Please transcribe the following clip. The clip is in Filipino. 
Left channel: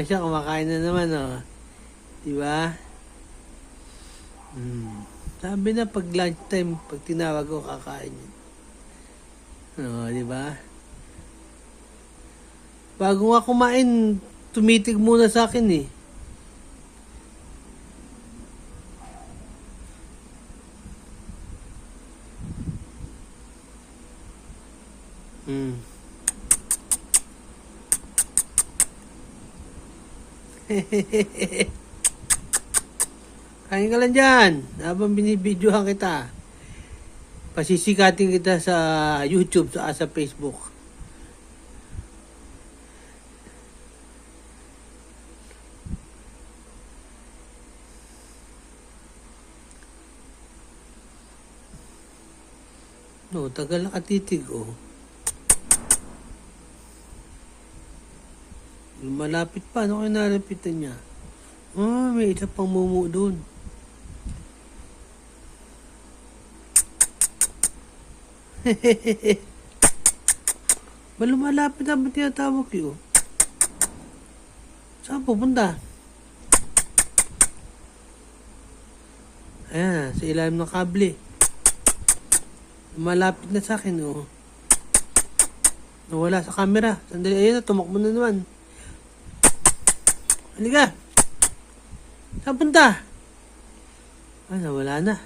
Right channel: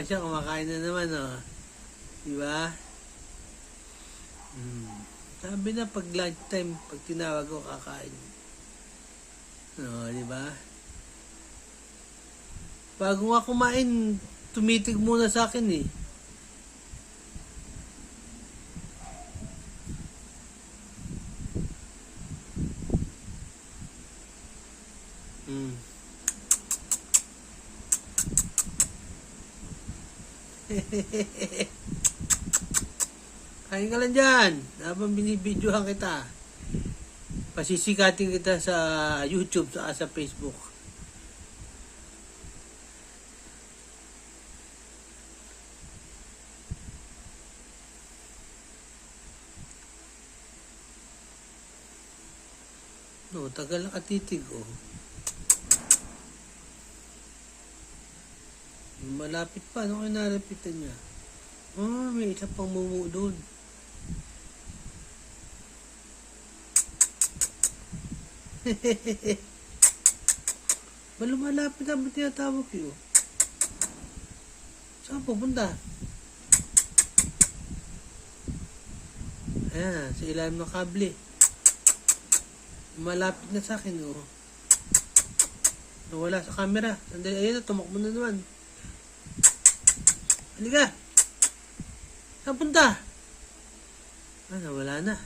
na siya, kumakain na naman, oh. Diba? Sabi na pag lunchtime, pag tinawag ko, kakain. Diba? Bago nga kumain, tumitig muna sa akin, eh. Kain ka lang dyan habang binibidyohan kita. Pasisikatin kita sa YouTube sa Facebook. No, tagal nakatitig, oh. Malapit pa, ano kayo nalapitan niya? May isa pang mumu doon. Lumalapit na ba tinatawag yun? Saan pupunta? Ayan, sa ilalim ng kable. Malapit na sa akin, oh. Nawala sa camera. Sandali, ayun na, tumakbo na naman. Halika! Saan punta? Nawala na.